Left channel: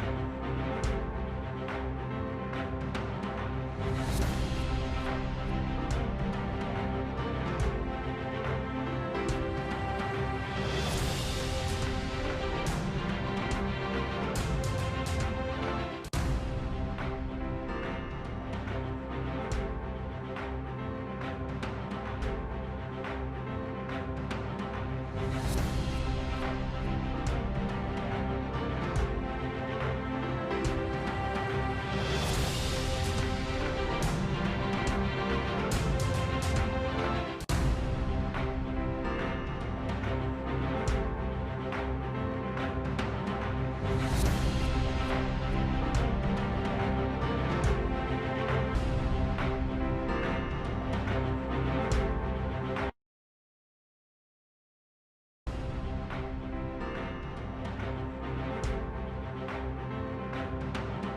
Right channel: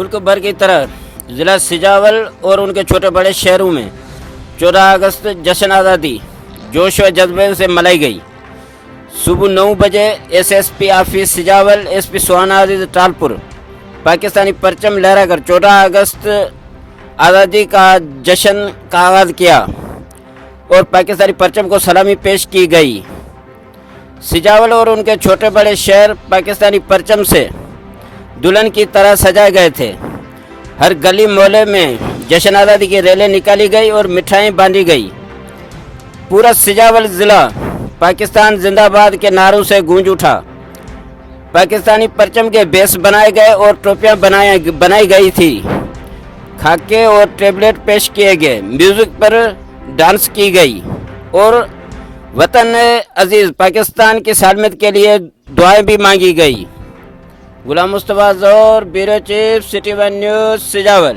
मुल्क भर की तरह ज़िला सिजावल और उनके छोटे बड़े शहरों में 14 अगस्त जश्न आज़ादी जोश व जज्बे से मनाई गई। सुबह 9 बजे एसएसपी ऑफिस सिजावल, एसपी सुहाना आज़ाद टालपुर पाकिस्तानी परचम लहराकर 14 अगस्त आज़ादी का जश्न का आगाज़ किया और पाकिस्तानी परचम को सलामी पेश की गई। सिजावल और उनके छोटे बड़े शहर पाकिस्तानी परचम से दुल्हन की तरह सजाए गए थे। हर गली मोहल्ले में जश्न आज़ादी की रैली निकाली गई और मिठाई बांधी गई। पूरा सिजावल ज़िला पाकिस्तान जिंदाबाद के नारों से गूंज उठा। पाकिस्तानी परचम के बेस बनाए गए और टोपियां बनाई गई थी। खाके और टेबलेट पेश किए गए, म्यूज़िक पर डांस की गई और वतन अजीज़ पाकिस्तान की सलामत के लिए दुआएं भी मांगी गई। Ghulam Mustafa Zohar, bureau chief, city one news, Sujawal.